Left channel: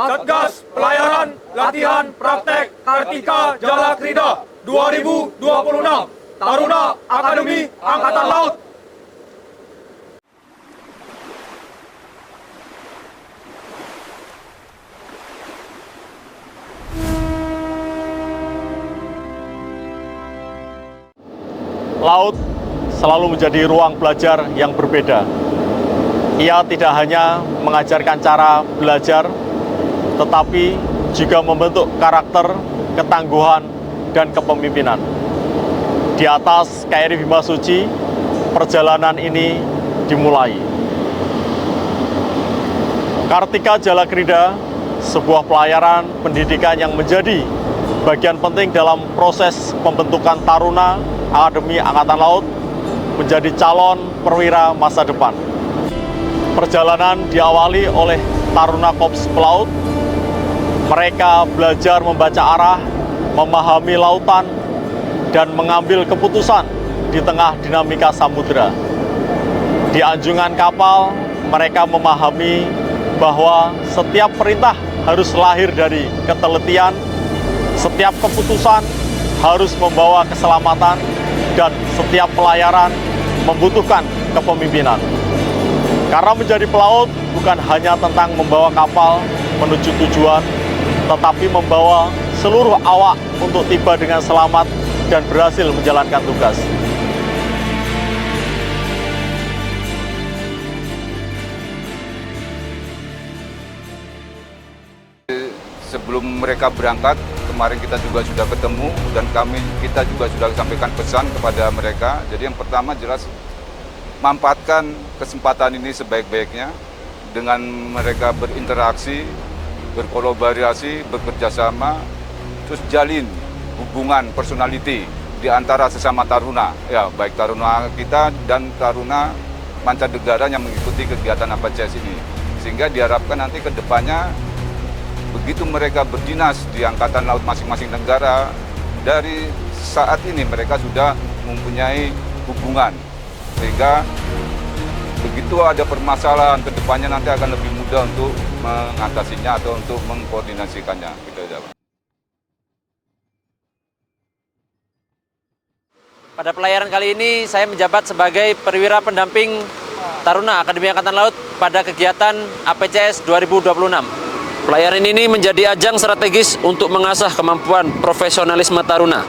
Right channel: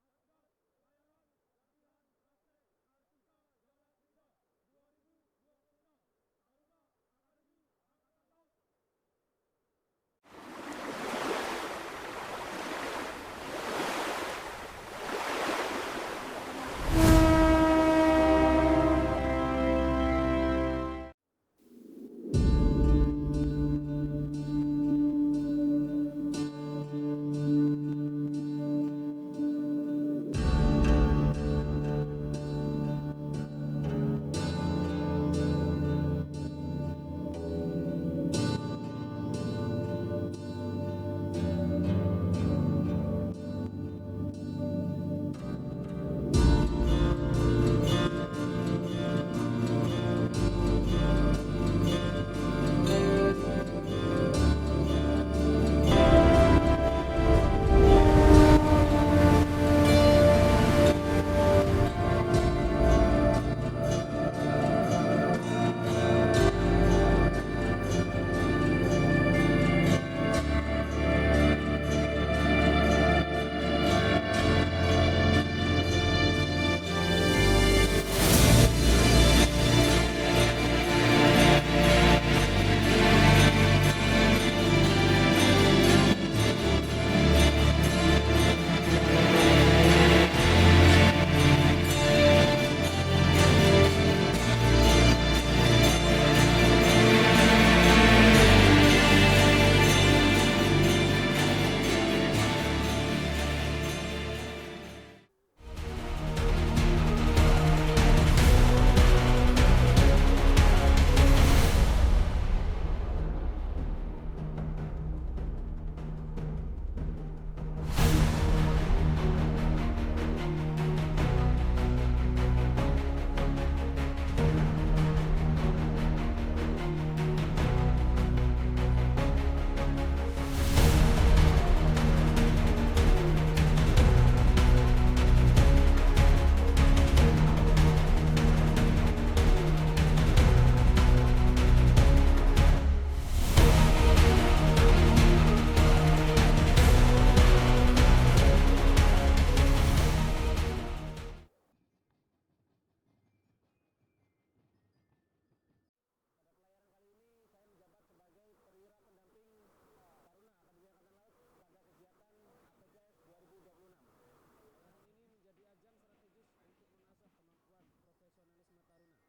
Satgas Pelayaran Latihan Praktek Kartika Jalakrida 2026 Taruna Akademi Angkatan Laut. Laut selalu menjadi ruang belajar yang berbeda. Ia tidak hanya mengajarkan cara belajar, tetapi juga membentuk karakter, ketangguhan, dan kepemimpinan. Di atas KRI Bimasuci, perjalanan ini dimulai. Kartika Jalakrida, sebuah pelayaran pendidikan yang menjadi bagian penting dalam proses pembentukan taruna Akademi Angkatan Laut menjadi calon perwira masa depan. Perjalanan diawali oleh taruna Korps Pelaut. Mereka belajar membaca arah, memahami lautan, dan mengambil keputusan di tengah dinamika samudera. Di anjungan kapal, mereka memahami bahwa setiap perintah harus lahir dari ketelitian, setiap keputusan harus membawa keselamatan, dan setiap pelayaran membutuhkan kepemimpinan. Karena menjadi pelaut bukan hanya tentang membawa kapal menuju tujuan, tetapi membawa seluruh awak untuk tiba dengan selamat dan berhasil menjalankan tugas. Sebelum mereka berangkat, kemarin kita juga sudah ketemu dan kita juga sudah sampaikan pesan kepada mereka. Jadi yang pertama jelas manfaatkan kesempatan ini sebaik-baiknya dengan mereka berinteraksi, berkolaborasi, bekerja sama, terus jalin hubungan personality di antara sesama taruna, ya baik taruna kita dan taruna mancanegara yang mengikuti kegiatan APCS ini. Sehingga diharapkan nanti ke depannya begitu mereka berdinas di Angkatan Laut masing-masing negara, dari saat ini mereka sudah mempunyai hubungan. Sehingga begitu ada permasalahan ke depannya nanti akan lebih mudah untuk mengatasinya atau untuk mengkoordinasikannya. Pada pelayaran kali ini saya menjabat sebagai perwira pendamping Taruna Akademi Angkatan Laut pada kegiatan APCS 2026. Pelayaran ini menjadi ajang strategis untuk mengasah kemampuan profesionalisme taruna,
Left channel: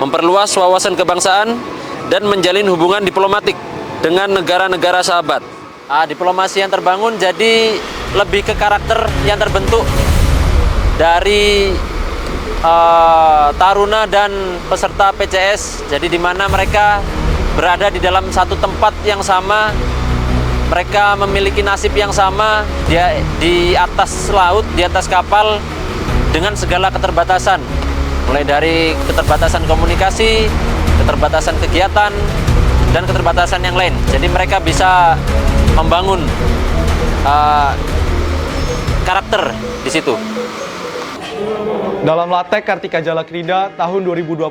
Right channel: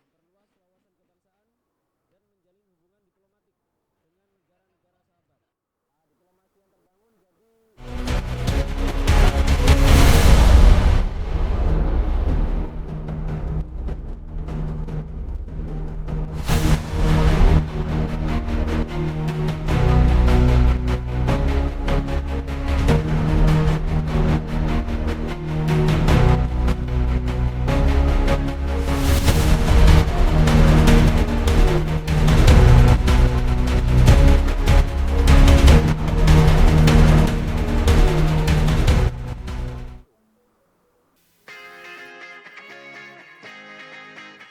memperluas wawasan kebangsaan, dan menjalin hubungan diplomatik dengan negara-negara sahabat. Diplomasi yang terbangun jadi lebih ke karakter yang terbentuk dari taruna dan peserta PCS. Jadi di mana mereka berada di dalam satu tempat yang sama, mereka memiliki nasib yang sama di atas laut, di atas kapal dengan segala keterbatasan. Mulai dari keterbatasan komunikasi, keterbatasan kegiatan, dan keterbatasan yang lain. Jadi mereka bisa membangun karakter di situ. Dalam Latek Kartika Jalakrida tahun 2026,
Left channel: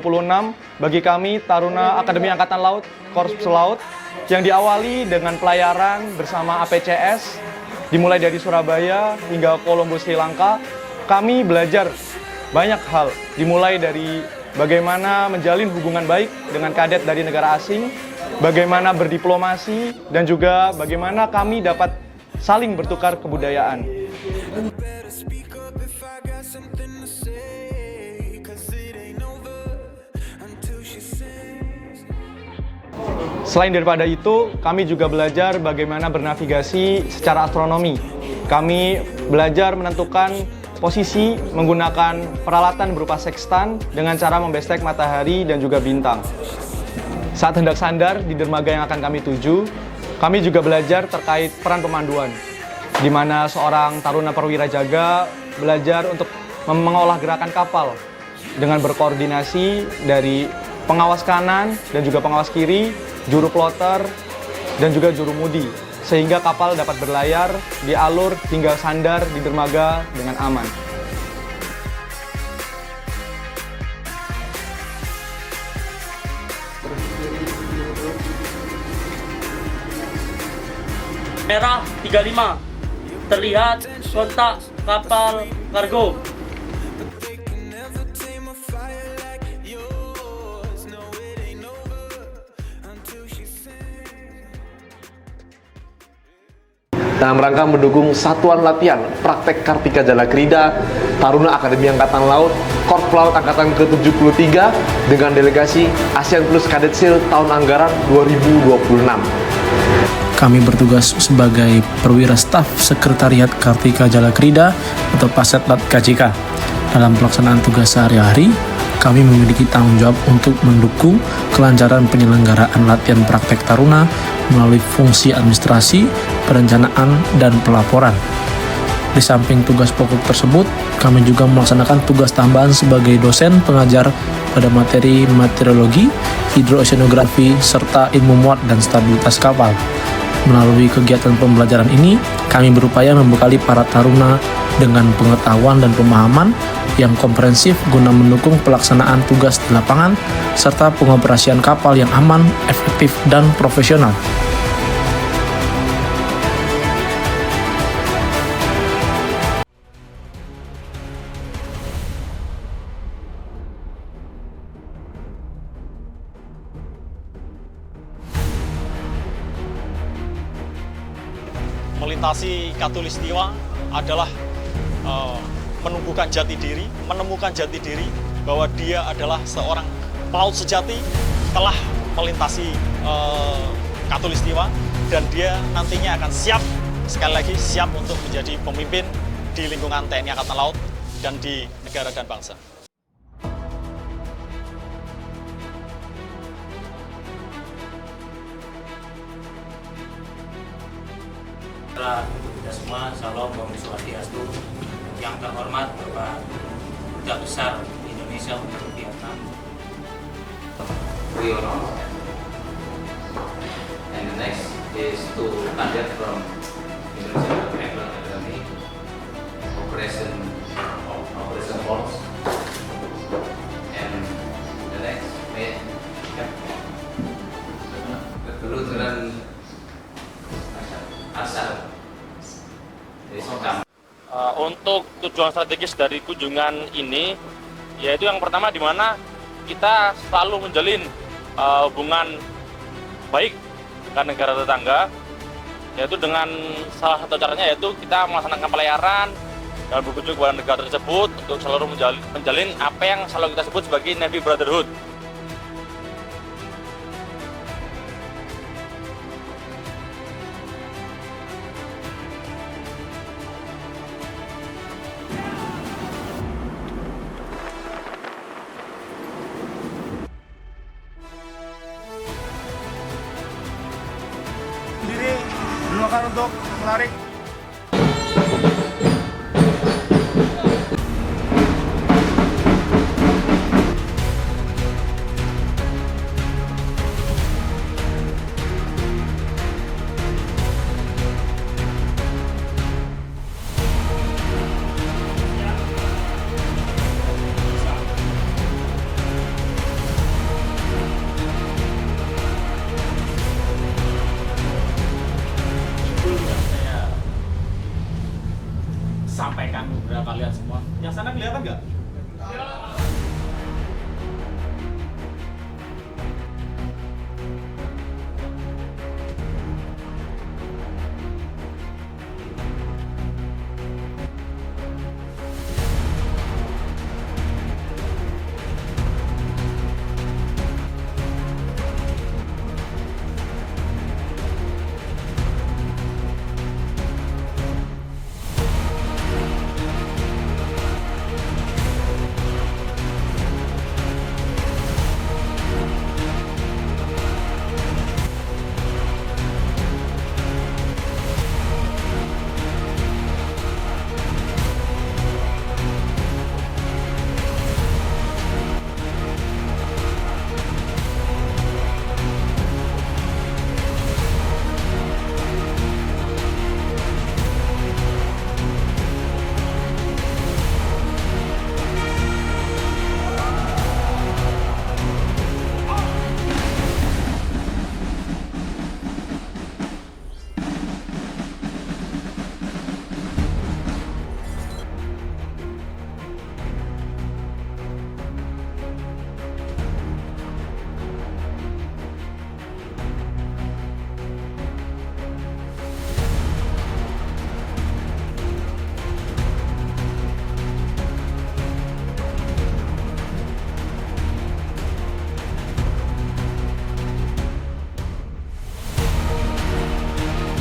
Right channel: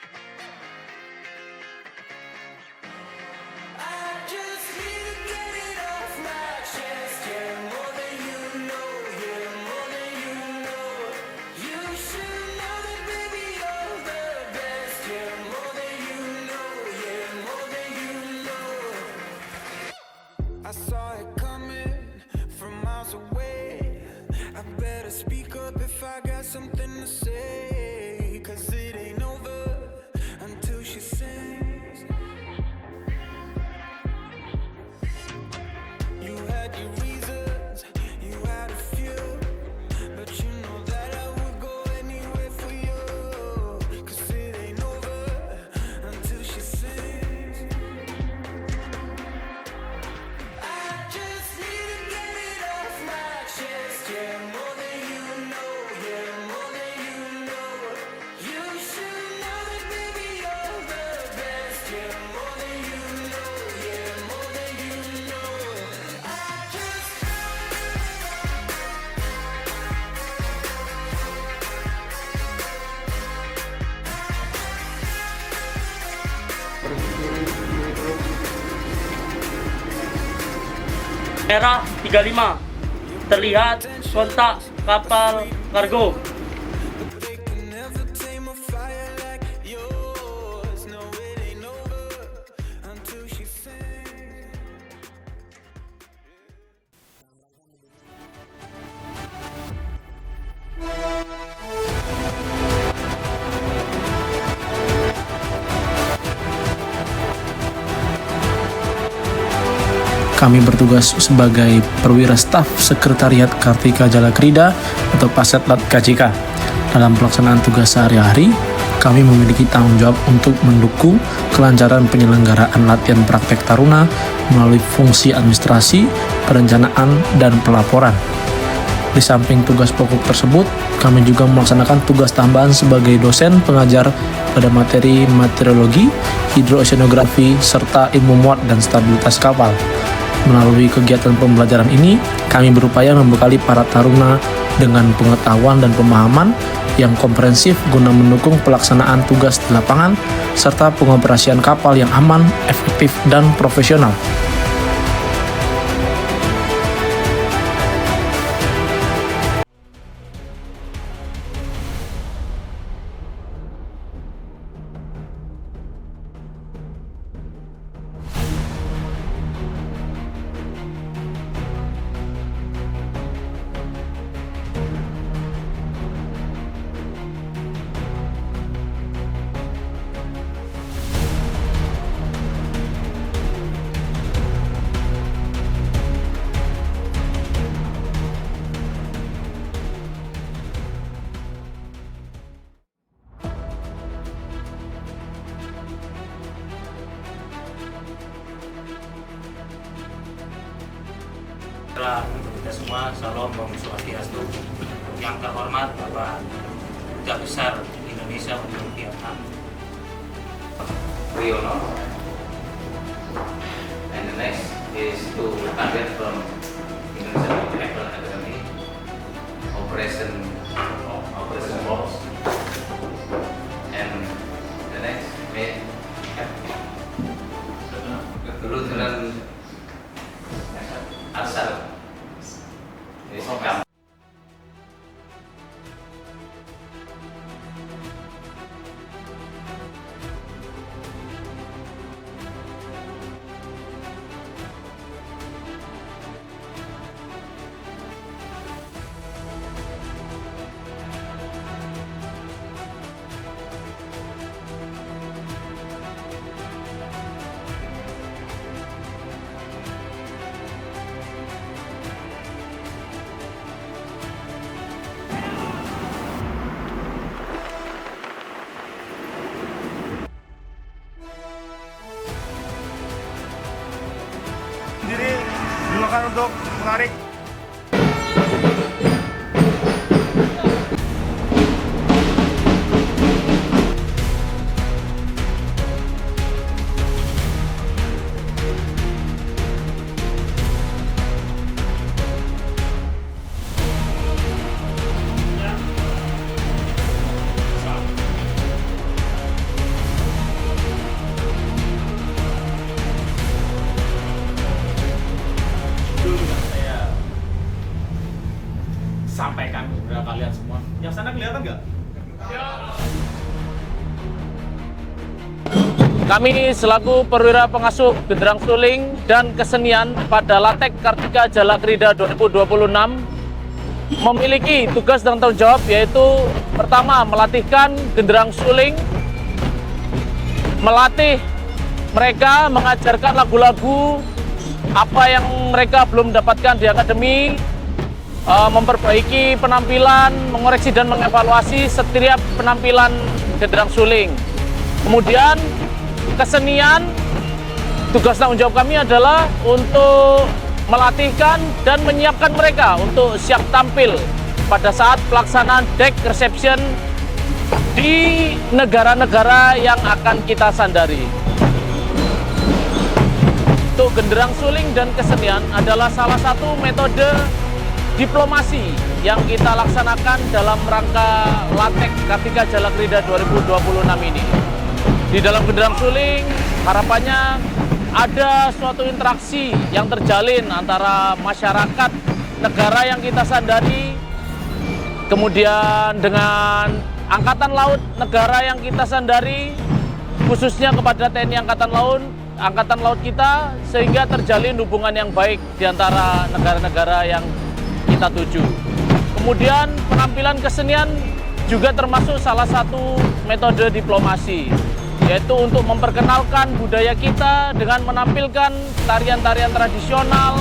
bagi kami Taruna Akademi Angkatan Laut, Korps Laut, yang diawali dengan pelayaran bersama APCS, dimulai dari Surabaya hingga Colombo, Sri Lanka, kami belajar banyak hal, dimulai dari bagaimana menjalin hubungan baik dengan kadet dari negara asing, bagaimana berdiplomasi, dan juga bagaimana kami dapat saling bertukar kebudayaan. Selain daripada itu, kami juga belajar bagaimana bernavigasi secara astronomi. Kami belajar menentukan posisi menggunakan peralatan berupa sextant dengan cara membestek matahari dan juga bintang. Saat hendak sandar di dermaga yang akan kami tuju, kami juga belajar terkait peran pemanduan, di mana seorang taruna perwira jaga belajar untuk mengolah gerakan kapal dengan berkoordinasi dari pengawas kanan dan juga pengawas kiri, juru plotter, dan juga juru mudi, sehingga kapal dapat berlayar di alur hingga sandar di dermaga dengan aman. Merah 35, terlihat kontak kapal kargo. Dalam rangka mendukung satuan latihan praktek Kartika Jalakrida Taruna Akademi Angkatan Laut Korps Laut Angkatan ke-73 dengan delegasi ASEAN Plus Cadet SEAL tahun anggaran 2026. Kami bertugas sebagai perwira staf Sekretariat Kartika Jalakrida atau Pasetlat KJK. Dalam pelaksanaan tugas sehari-hari, kami memiliki tanggung jawab untuk mendukung kelancaran penyelenggaraan latihan praktek Taruna melalui fungsi administrasi, perencanaan, dan pelaporan. Di samping tugas pokok tersebut, kami juga melaksanakan tugas tambahan sebagai dosen pengajar pada materi meteorologi, hidrooceanografi, serta ilmu muat dan stabilitas kapal. Melalui kegiatan pembelajaran ini, kami berupaya membekali para taruna dengan pengetahuan dan pemahaman yang komprehensif guna mendukung pelaksanaan tugas di lapangan serta pengoperasian kapal yang aman, efektif, dan profesional. Melintasi Katulistiwa adalah menemukan jati diri bahwa dia adalah seorang pelaut sejati, telah melintasi Katulistiwa, dan dia nantinya akan sekali lagi siap untuk menjadi pemimpin di lingkungan TNI Angkatan Laut dan di negara dan bangsa. Setelah kita semua, Salam Om Swastiastu. Yang terhormat Bapak Duta Besar Indonesia untuk Vietnam, Wiono. And the next is to cadet from Indonesia Naval Academy, Operation Force. And the next Lieutenant Arsal. Untuk tujuan strategis dari kunjungan ini, yaitu yang pertama di mana kita selalu menjalin hubungan baik dengan negara tetangga, yaitu dengan salah satu caranya yaitu kita melaksanakan pelayaran dan berkunjung kepada negara tersebut untuk selalu menjalin apa yang selalu kita sebut sebagai Navy Brotherhood. Diri gunakan untuk menarik. Sampaikan kepada kalian semua. Yang sana kelihatan nggak? Kami selaku perwira pengasuh Genderang Suling dan Kesenian pada Latek Kartika Jalakrida 2026 memiliki tugas dan tanggung jawab, yaitu pertama melatihkan Genderang Suling, melatih mereka, mengajarkan lagu-lagu apa yang mereka belum dapatkan di akademi, memperbaiki penampilan, mengoreksi dan mengevaluasi setiap penampilan Genderang Suling. Kemudian kesenian, tugas tanggung jawab kami adalah untuk melatihkan dan menyiapkan mereka untuk siap tampil pada saat pelaksanaan deck reception di negara-negara yang akan kita sandari. Untuk Genderang Suling dan kesenian adalah salah satu metode diplomasi yang kita laksanakan dalam rangka Latek Kartika Jalakrida 2026 ini. Di dalam Genderang Suling, harapannya ada suatu interaksi yang terjalin antara masyarakat negara yang kita sandari kemudian dengan Angkatan Laut negara yang kita sandari, khususnya kepada TNI Angkatan Laut kita, sehingga terjalin hubungan yang baik di antara negara-negara yang kita tuju. Kemudian penampilan kesenian juga termasuk salah satu metode diplomasi, yaitu untuk memperkenalkan budaya kita dengan menampilkan tarian-tarian tradisional,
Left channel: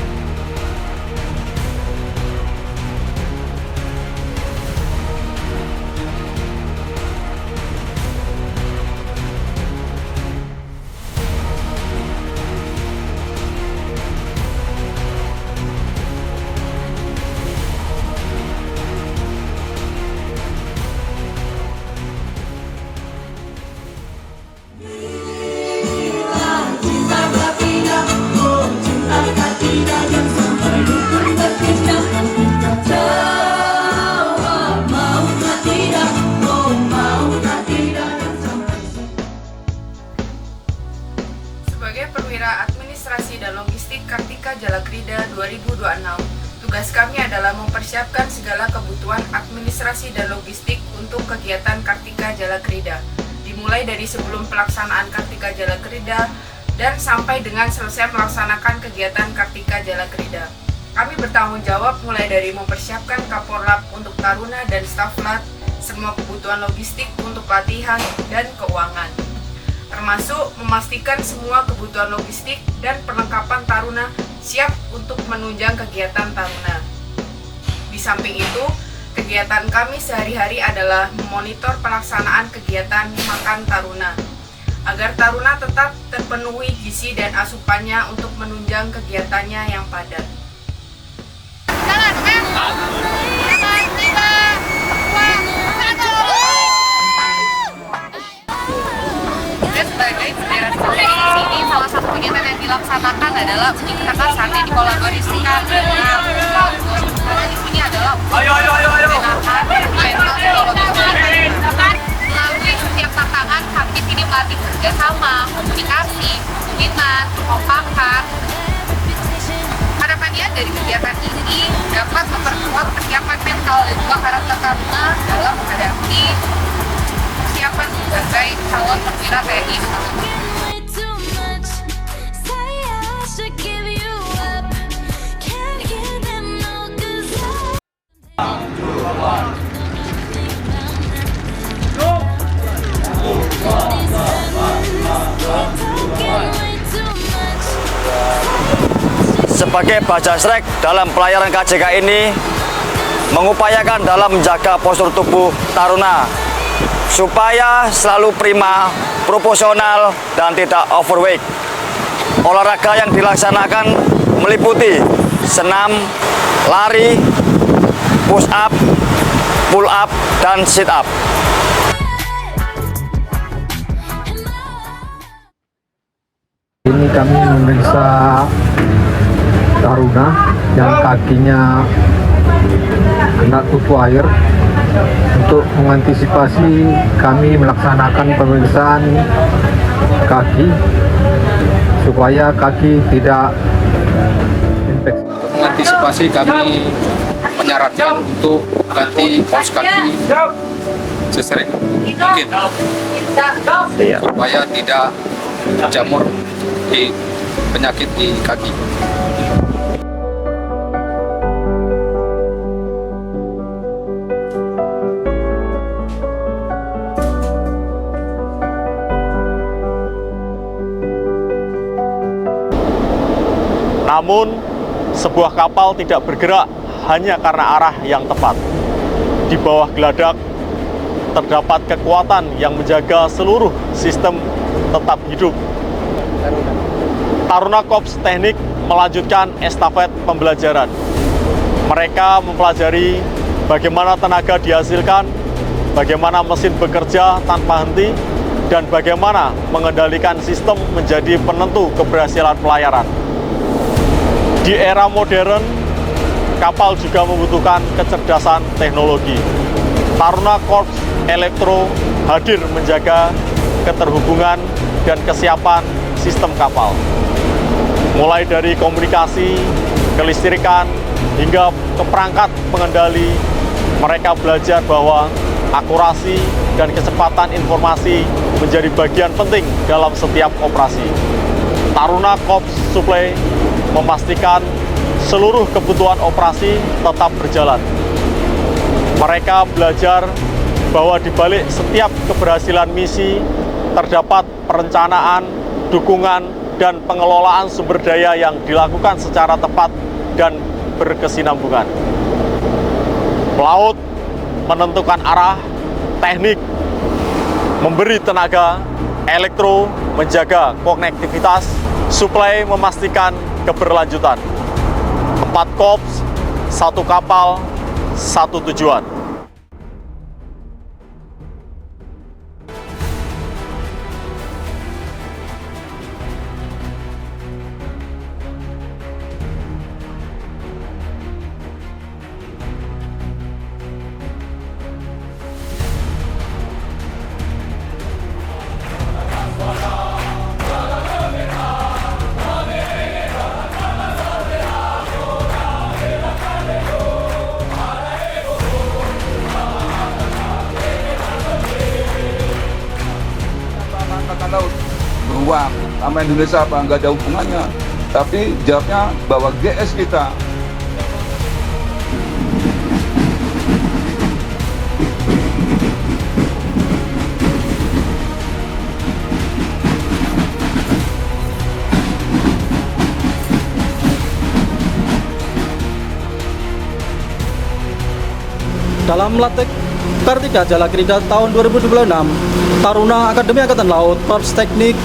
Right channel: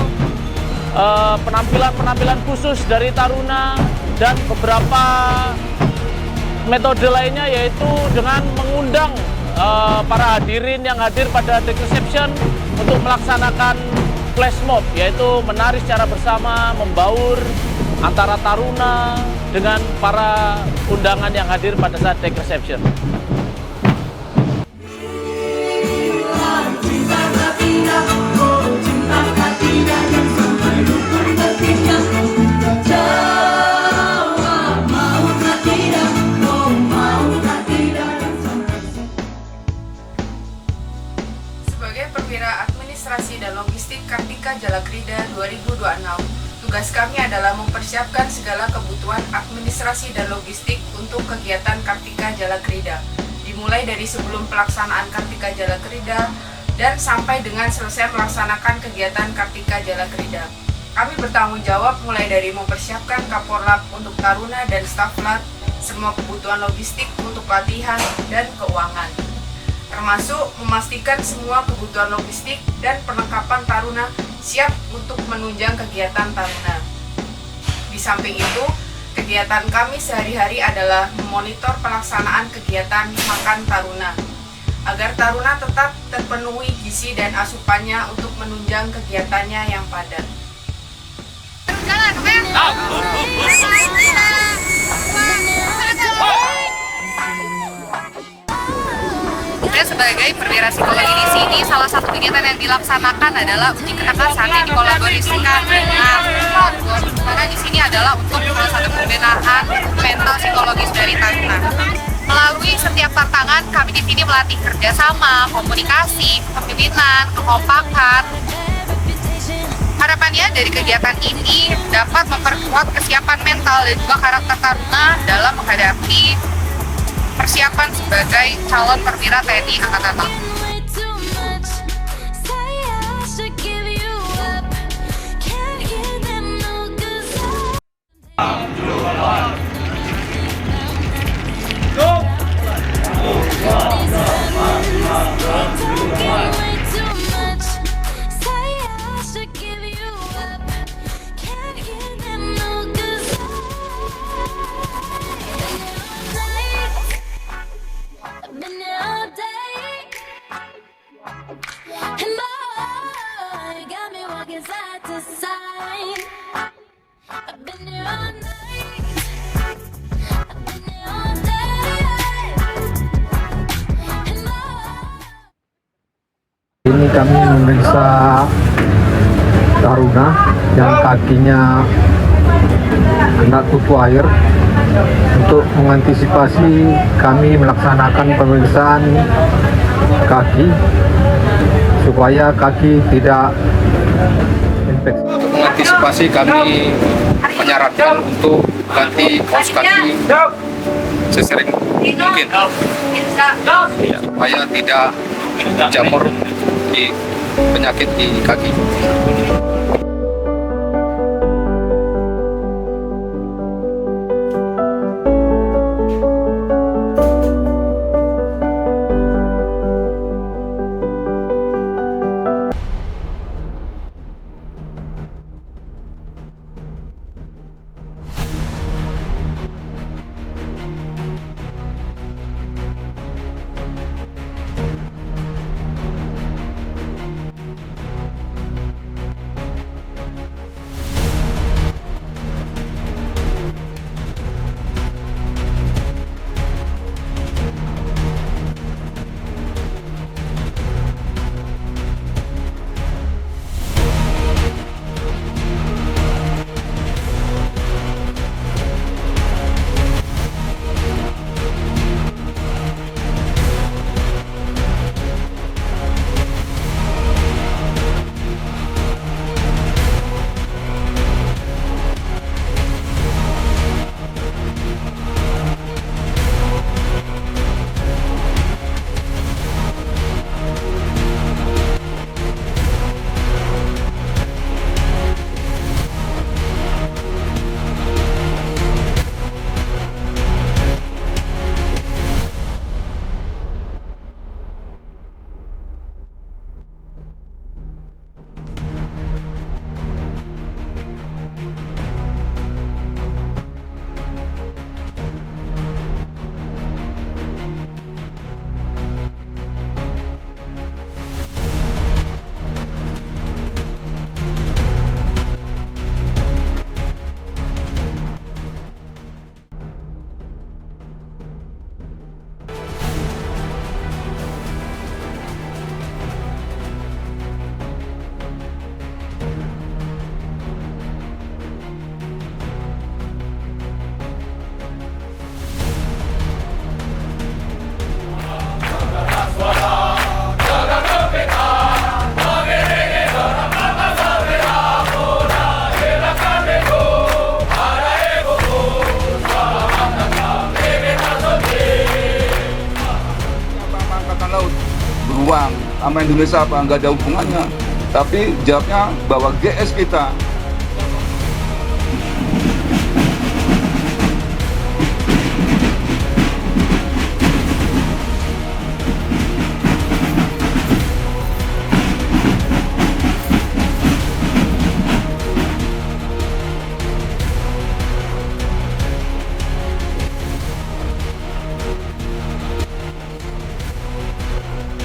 penampilan-penampilan khusus dari Taruna, dan beberapa metode lainnya, yaitu dengan mengundang para hadirin yang hadir pada Deck Reception untuk melaksanakan flash mob, yaitu menari secara bersama, membaur antara Taruna dengan para undangan yang hadir pada saat Deck Reception. Sebagai perwira administrasi dan logistik Kartika Jalakrida 2026, tugas kami adalah mempersiapkan segala kebutuhan administrasi dan logistik untuk kegiatan Kartika Jalakrida, dimulai dari sebelum pelaksanaan Kartika Jalakrida dan sampai dengan selesai melaksanakan kegiatan Kartika Jalakrida. Kami bertanggung jawab mulai dari mempersiapkan Kaporlab untuk Taruna dan staf lat, semua kebutuhan logistik untuk latihan dan keuangan, termasuk memastikan semua kebutuhan logistik dan perlengkapan Taruna siap untuk menunjang kegiatan Taruna. Di samping itu, kegiatan kami sehari-hari adalah memonitor pelaksanaan kegiatan makan Taruna, agar Taruna tetap terpenuhi gizi dan asupannya untuk menunjang kegiatannya yang padat. Sebagai perwira psikologi di sini, salah satu kegiatan yang dilaksanakan adalah uji ketangkasan yang dikolaborasikan dengan Outbound. Karena di sini adalah untuk satu pembinaan mental psikologis dari Taruna. Melalui setiap tantangan, kami di sini melatih kerjasama, komunikasi, kepemimpinan, kekompakan. Harapannya dari kegiatan ini dapat memperkuat kesiapan mental dan juga karakter Taruna dalam menghadapi persiapan sebagai calon perwira TNI Angkatan Laut. Sebagai Bajasrek dalam pelayaran KJK ini mengupayakan dalam menjaga postur tubuh Taruna supaya selalu prima, proporsional, dan tidak overweight. Olahraga yang dilaksanakan meliputi senam, lari, push up, pull up, dan sit up. Ini kami memeriksa Taruna yang kakinya kena tutup air. Untuk mengantisipasi, kami melaksanakan pemeriksaan kaki supaya kaki tidak infeksi. Untuk mengantisipasi, kami menyarankan untuk ganti kaos kaki sesering mungkin supaya tidak jamur di penyakit di kaki. Namun, sebuah kapal tidak bergerak hanya karena arah yang tepat. Di bawah geladak, terdapat kekuatan yang menjaga seluruh sistem tetap hidup. Taruna Korps Teknik melanjutkan estafet pembelajaran. Mereka mempelajari bagaimana tenaga dihasilkan, bagaimana mesin bekerja tanpa henti, dan bagaimana mengendalikan sistem menjadi penentu keberhasilan pelayaran. Di era modern, kapal juga membutuhkan kecerdasan teknologi. Taruna Korps Elektro hadir menjaga keterhubungan dan kesiapan sistem kapal. Mulai dari komunikasi, kelistrikan, hingga ke perangkat pengendali Mereka belajar bahwa akurasi dan kecepatan informasi menjadi bagian penting dalam setiap operasi. Taruna Korps Suplai memastikan seluruh kebutuhan operasi tetap berjalan. Mereka belajar bahwa di balik setiap keberhasilan misi terdapat perencanaan, dukungan, dan pengelolaan sumber daya yang dilakukan secara tepat dan berkesinambungan. Pelaut menentukan arah, teknik, memberi tenaga, elektro menjaga konektivitas, suplai memastikan keberlanjutan. 4 korps, 1 kapal, 1 tujuan. Angkatan Laut beruang sama Indonesia apa nggak ada hubungannya, tapi jawabnya bahwa GS kita dalam latih Kartika Jalakrida tahun 2026, Taruna Akademi Angkatan Laut Korps Teknik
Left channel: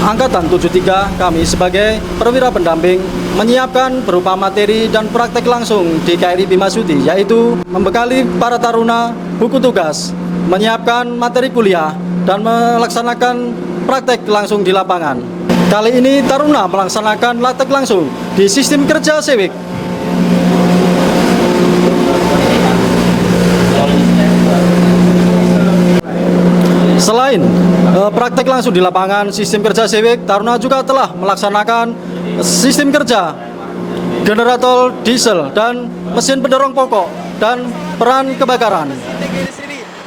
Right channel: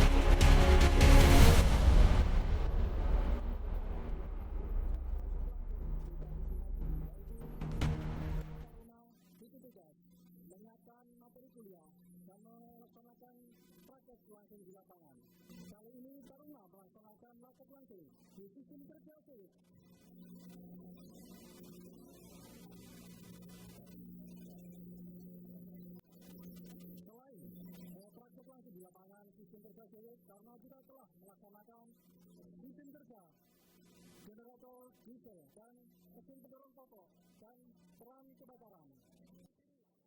Angkatan 73, kami sebagai perwira pendamping menyiapkan berupa materi dan praktek langsung di KRI Bimasuci, yaitu membekali para taruna buku tugas, menyiapkan materi kuliah, dan melaksanakan praktek langsung di lapangan. Kali ini taruna melaksanakan latih langsung di sistem kerja SEWIK. Selain praktek langsung di lapangan sistem kerja SEWIK, taruna juga telah melaksanakan sistem kerja generator diesel dan mesin pendorong pokok dan peran kebakaran.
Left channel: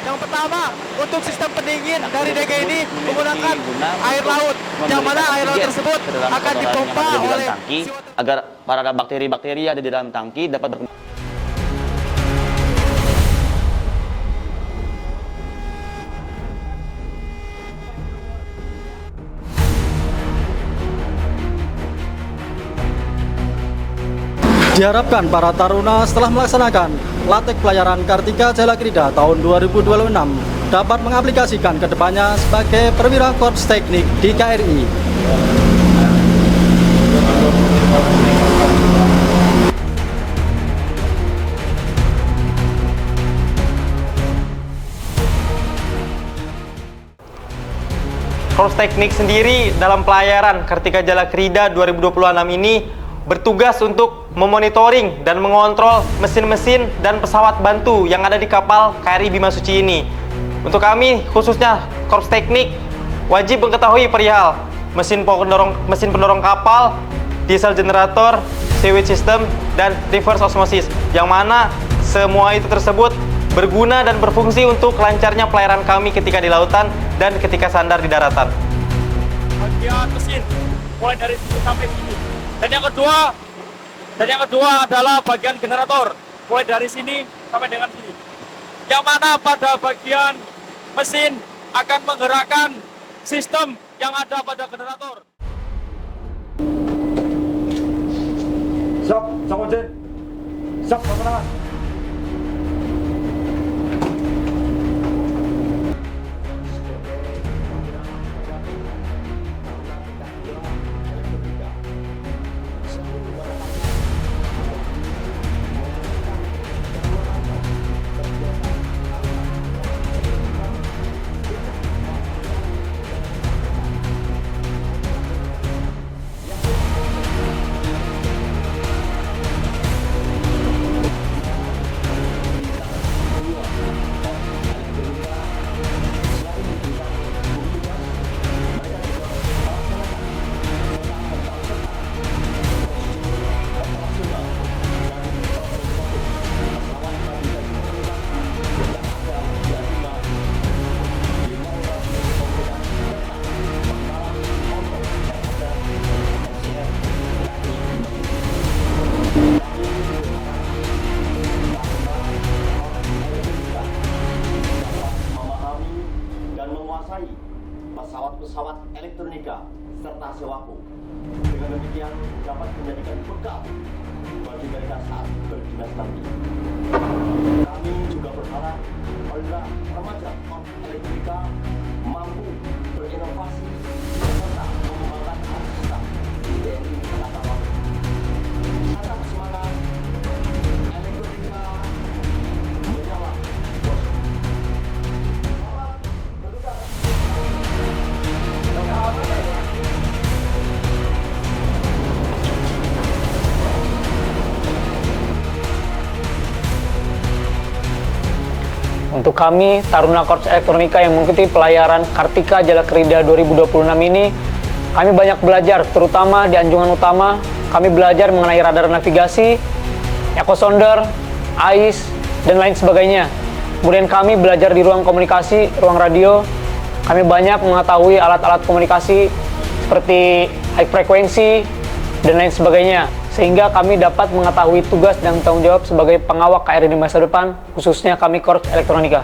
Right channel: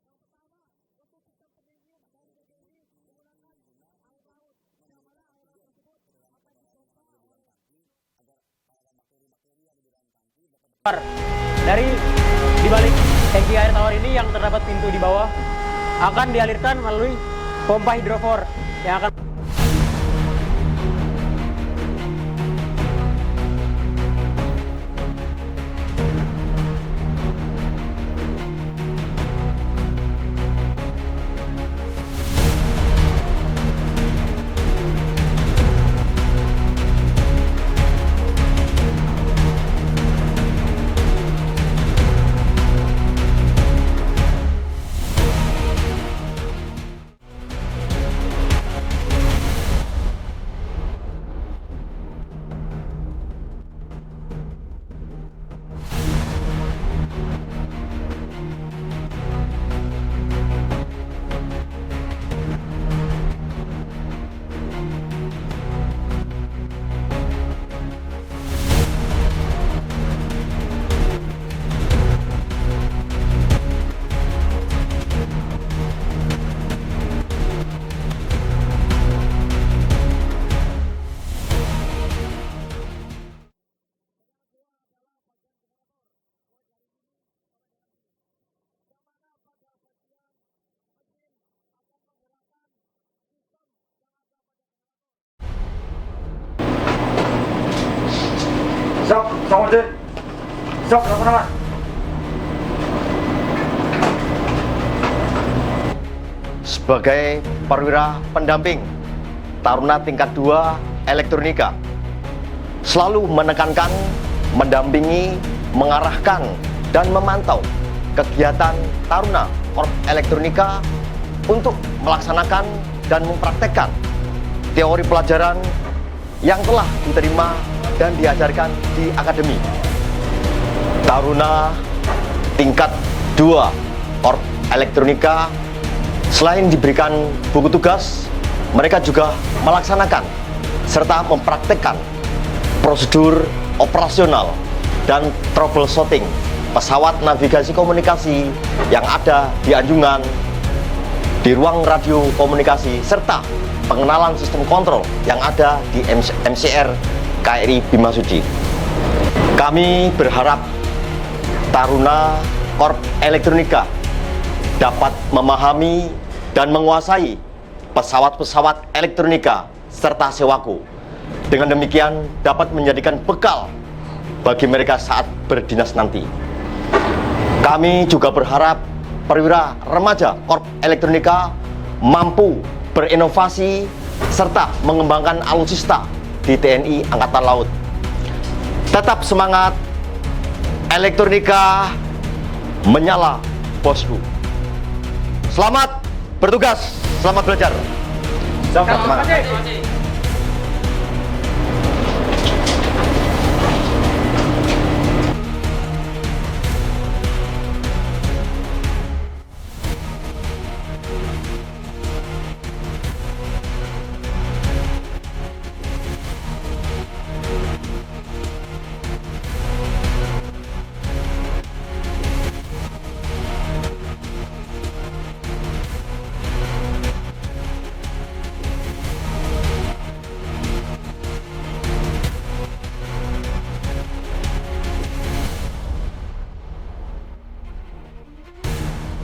Yang pertama, untuk sistem pendingin dari DG ini menggunakan air laut, yang mana air laut tersebut akan dipompa oleh tangki agar para bakteri-bakteri ada di dalam tangki dapat berkembang. Dari dibalik tangki air tawar ini yang terdapat pintu di bawah akan dialirkan melalui pompa hidrofor yang akan diharapkan para taruna setelah melaksanakan latih pelayaran Kartika Jalakrida tahun 2026 dapat mengaplikasikan kedepannya sebagai perwira Korps Teknik di KRI. Korps Teknik sendiri dalam pelayaran Kartika Jalakrida 2026 ini bertugas untuk memonitoring dan mengontrol mesin-mesin dan pesawat bantu yang ada di kapal KRI Bimasuci ini. Untuk kami, khususnya Korps Teknik, wajib mengetahui perihal mesin pendorong kapal, diesel generator, sewage system, dan reverse osmosis, yang mana semua itu tersebut berguna dan berfungsi untuk lancarnya pelayaran kami ketika di lautan dan ketika sandar di daratan. Bagian mesin mulai dari sampai sini. Dan yang kedua adalah bagian generator mulai dari sini sampai dengan sini. Yang mana pada bagian mesin akan menggerakkan sistem yang ada pada generator. Siap, sama aja. Siap, teman-teman. Sebagai perwira pendamping Taruna tingkat 2 Elektronika, selalu menekankan, mendampingi, mengarahkan, dan memantau kegiatan Taruna Korps Elektronika untuk melaksanakan dan mempraktekkan teori pelajaran yang telah diterima dan diajarkan di Akademi. Taruna tingkat 2 Korps Elektronika selain diberikan buku tugas, mereka juga melaksanakan serta mempraktekkan prosedur operasional dan troubleshooting pesawat navigasi komunikasi yang ada di anjungan, di ruang radio komunikasi, serta pengenalan sistem kontrol yang ada di MCR KRI Bimasuci. Kami berharap Taruna Korp Elektronika dapat memahami dan menguasai pesawat-pesawat elektronika serta sewaku. Dengan demikian dapat menjadikan bekal bagi mereka saat berdinas nanti. Kami juga berharap perwira remaja Korp Elektronika mampu berinovasi serta mengembangkan alutsista di TNI Angkatan Laut. Tetap semangat, elektronika menyala, bosku. Selamat bertugas, selamat belajar. Selamat semangat. Untuk kami, Taruna Korps Elektronika yang mengikuti pelayaran Kartika Jalakrida 2026 ini, kami banyak belajar, terutama di anjungan utama. Kami belajar mengenai radar navigasi, echo sounder, AIS, dan lain sebagainya. Kemudian kami belajar di ruang komunikasi, ruang radio. Kami banyak mengetahui alat-alat komunikasi seperti high frekuensi, dan lain sebagainya. Sehingga kami dapat mengetahui tugas dan tanggung jawab sebagai pengawal KRI di masa depan, khususnya kami Korps Elektronika.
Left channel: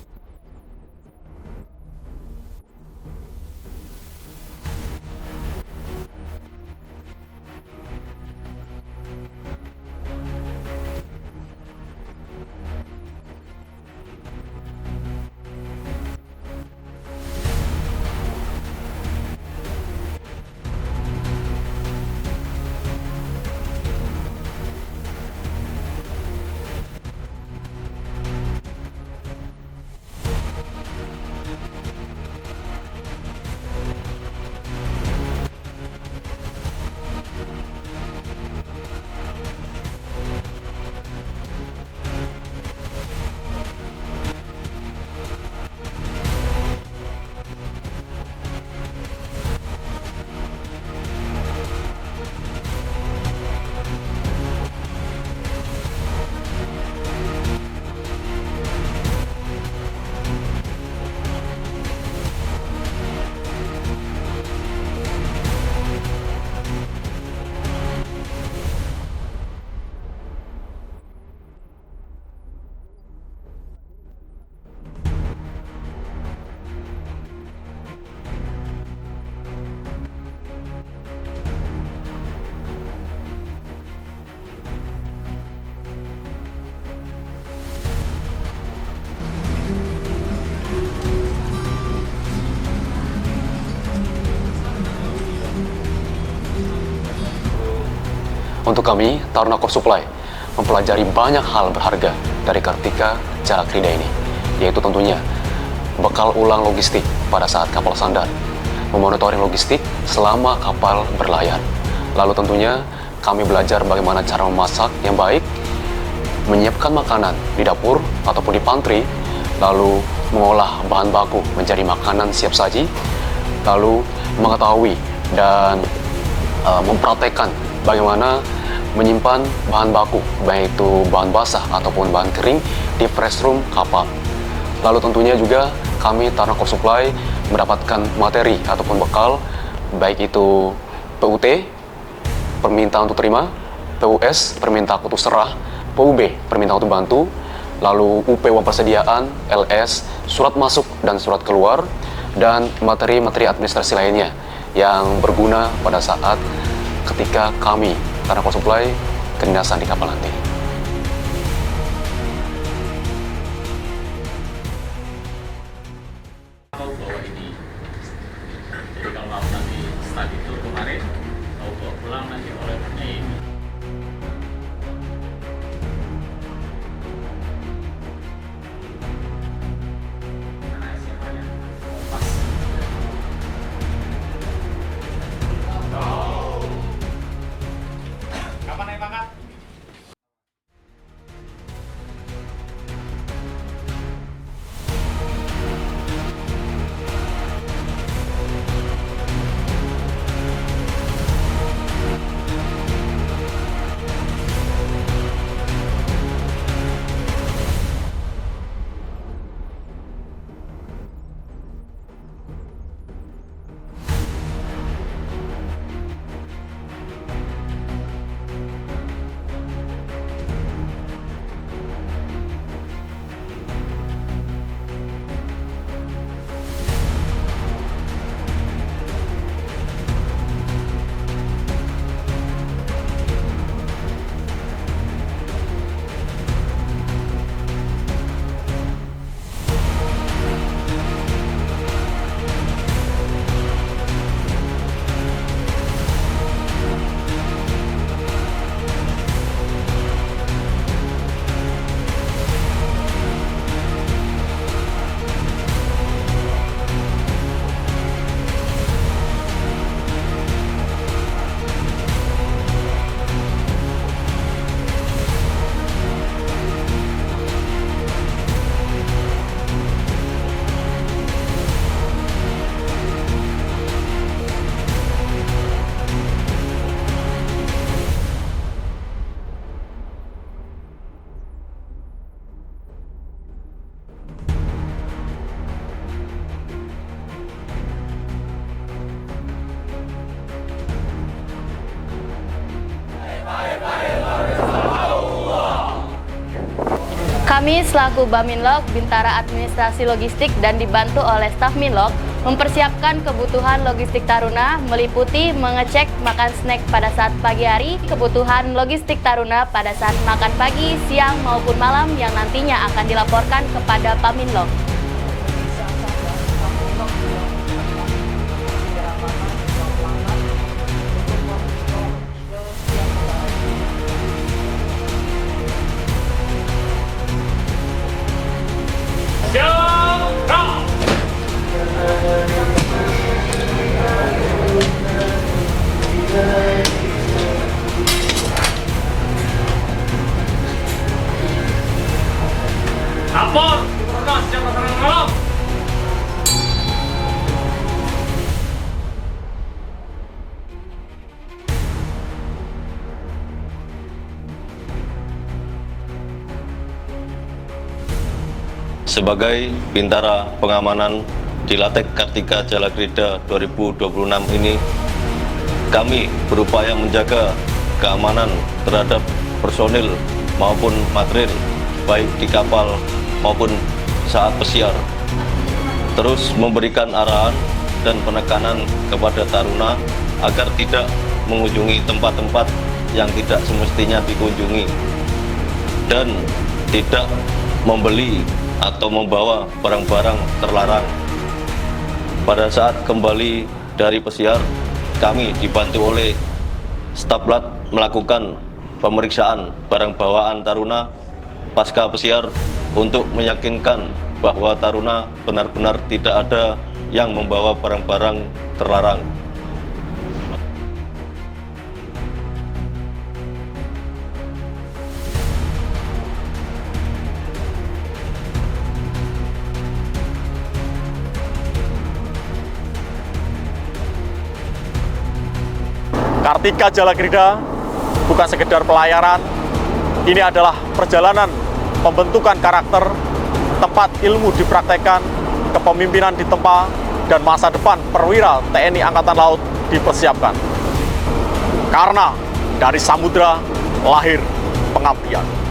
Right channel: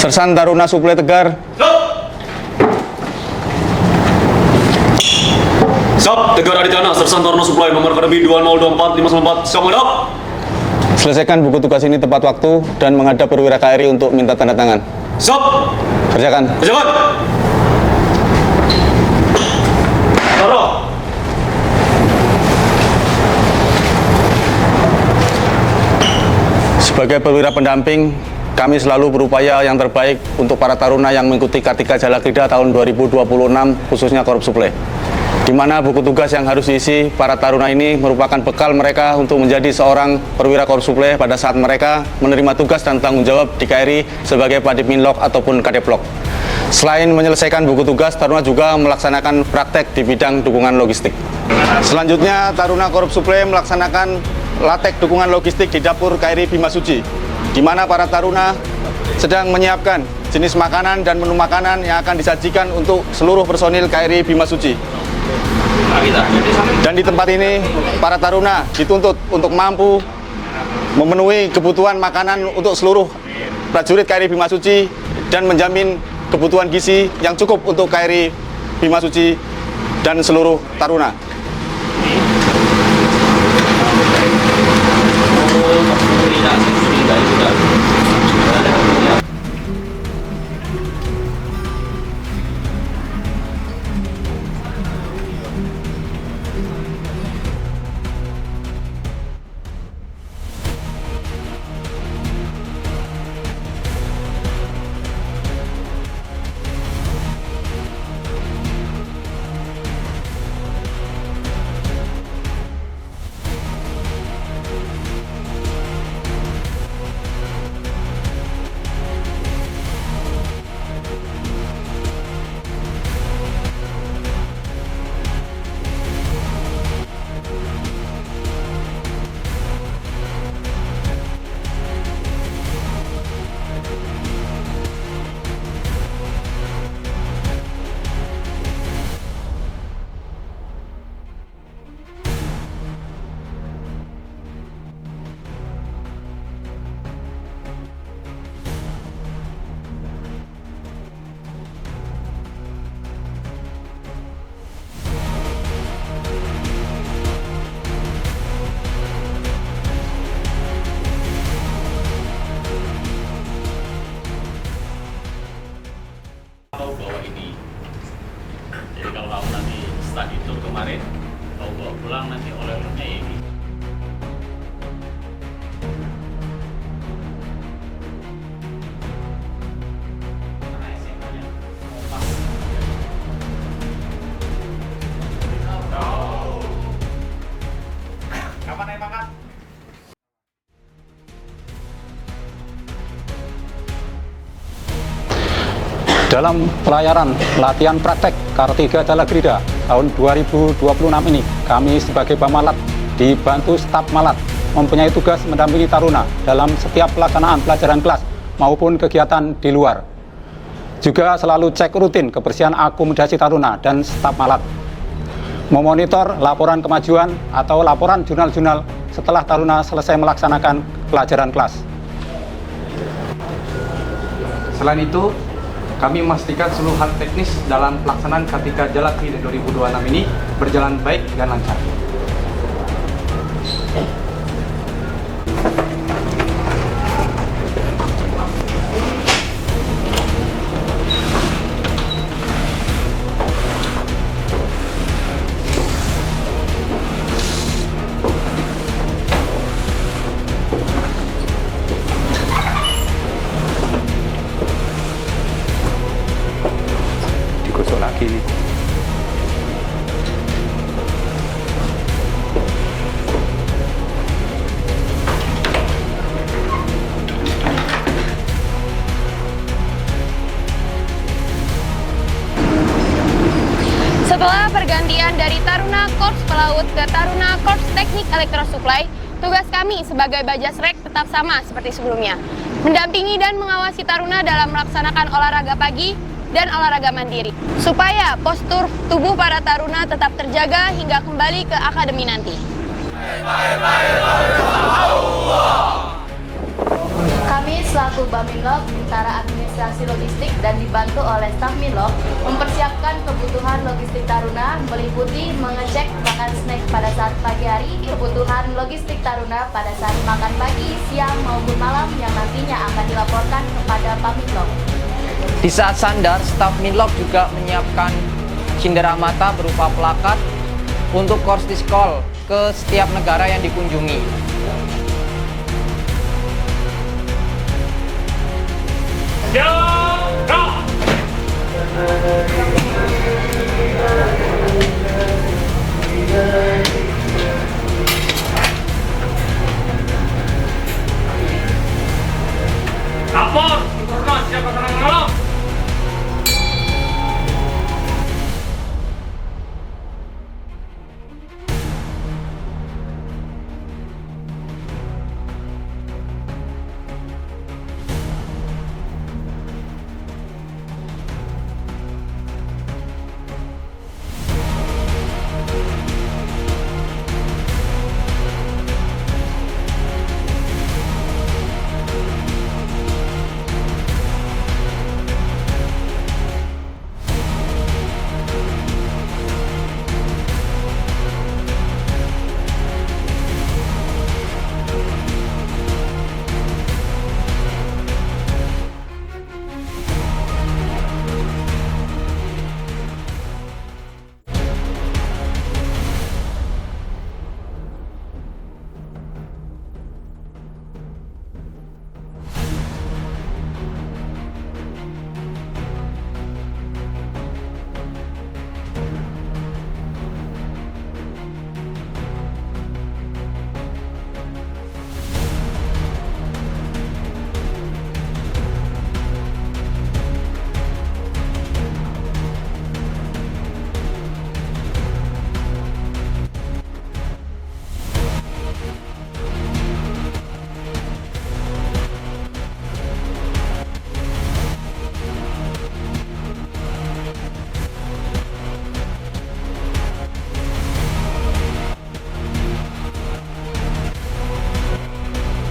Sersan Taruna Suplai Tegar. Siap, Tegar Aditana, Sersan Taruna Suplai, nomor akademi 2024 594, siap menghadap. Selesaikan buku tugas ini tepat waktu dan menghadap perwira KRI untuk minta tanda tangan. Siap. Kerjakan. Kerjakan. Sebagai perwira pendamping, kami selalu berupaya yang terbaik untuk para taruna yang mengikuti Kartika Jalakrida tahun 2026, khususnya Korps Suplai. Di mana buku tugas yang harus diisi para taruna ini merupakan bekal mereka untuk menjadi seorang perwira Korps Suplai pada saat mereka menerima tugas dan tanggung jawab di KRI sebagai Padipinlok ataupun Kadeplok. Selain menyelesaikan buku tugas, taruna juga melaksanakan praktek di bidang dukungan logistik. Selanjutnya, Taruna Korps Suplai melaksanakan latek dukungan logistik di dapur KRI Bimasuci, di mana para taruna sedang menyiapkan jenis makanan dan menu makanan yang akan disajikan untuk seluruh personil KRI Bimasuci. Dan di tempat ini, para taruna dituntut untuk mampu memenuhi kebutuhan makanan untuk seluruh prajurit KRI Bimasuci dan menjamin kebutuhan gizi yang cukup untuk KRI Bimasuci dan seluruh taruna. Untuk kami, Taruna Korps Suplai mempelajari banyak hal berharga dari Kartika Jalakrida ini, yaitu tentunya bekal ulang logistik pada saat kapal sandar, memonitoring logistik selama kapal berlayar. Lalu tentunya kami belajar bagaimana cara memasak yang baik, menyiapkan makanan di dapur ataupun di pantry, lalu mengolah bahan baku menjadi makanan siap saji, lalu mengetahui dan mempraktekkan bagaimana menyimpan bahan baku, baik itu bahan basah ataupun bahan kering di press room kapal. Lalu tentunya juga kami Taruna Korps Suplai mendapatkan materi ataupun bekal, baik itu PUT, permintaan untuk terima, PUS, permintaan untuk serah, PUB, permintaan untuk bantu, lalu UP uang persediaan, LS, surat masuk dan surat keluar, dan materi-materi administrasi lainnya yang berguna pada saat ketika kami Taruna Korps Suplai kedinasan di kapal nanti. Tahu bahwa ini, jadi kalau kamu nanti study tour kemarin, kau bawa pulang nanti oleh-olehnya ya ini. Kapan naik pangkat? Dalam pelayaran latihan praktek Kartika Jalakrida tahun 2026 ini, kami sebagai Pamalat dibantu staf Malat mempunyai tugas mendampingi taruna dalam setiap pelaksanaan pelajaran kelas maupun kegiatan di luar. Juga selalu cek rutin kebersihan akomodasi taruna dan staf Malat. Memonitor laporan kemajuan atau laporan jurnal-jurnal setelah taruna selesai melaksanakan pelajaran kelas. Selain itu, kami memastikan seluruh hal teknis dalam pelaksanaan Kartika Jalakrida 2026 ini berjalan baik dan lancar. Setelah pergantian dari Taruna Korps Pelaut ke Taruna Korps Teknik Elektrosuplai, tugas kami sebagai Bajasrek tetap sama seperti sebelumnya. Mendampingi dan mengawasi taruna dalam melaksanakan olahraga pagi dan olahraga mandiri, supaya postur tubuh para taruna tetap terjaga hingga kembali ke akademi nanti. Kami selaku Baminlog, Bintara Administrasi Logistik dan dibantu oleh staf Minlog mempersiapkan kebutuhan logistik taruna meliputi mengecek makan snack pada saat pagi hari, kebutuhan logistik taruna pada saat makan pagi, siang maupun malam yang nantinya akan dilaporkan kepada Baminlog. Di saat sandar, staf Minlog juga menyiapkan cindera mata berupa plakat untuk course call ke setiap negara yang dikunjungi. Lapor, Purna siap pasangan malam. Sebagai Bintara Pengamanan di Latek Kartika Jalakrida 2026 ini, kami berupaya menjaga keamanan terhadap personil maupun material, baik di kapal maupun saat pesiar. Terus memberikan arahan dan penekanan kepada taruna agar tidak mengunjungi tempat-tempat yang tidak semestinya dikunjungi dan tidak membeli atau membawa barang-barang terlarang. Pada saat kembali dari pesiar, kami dibantu oleh staf Lat melakukan pemeriksaan barang bawaan taruna pasca pesiar untuk meyakinkan bahwa taruna benar-benar tidak ada yang membawa barang-barang terlarang. Kartika Jalakrida bukan sekedar pelayaran, ini adalah perjalanan pembentukan karakter, tempat ilmu dipraktekkan, kepemimpinan ditempa, dan masa depan perwira TNI Angkatan Laut dipersiapkan. Karena dari samudra lahir pengabdian.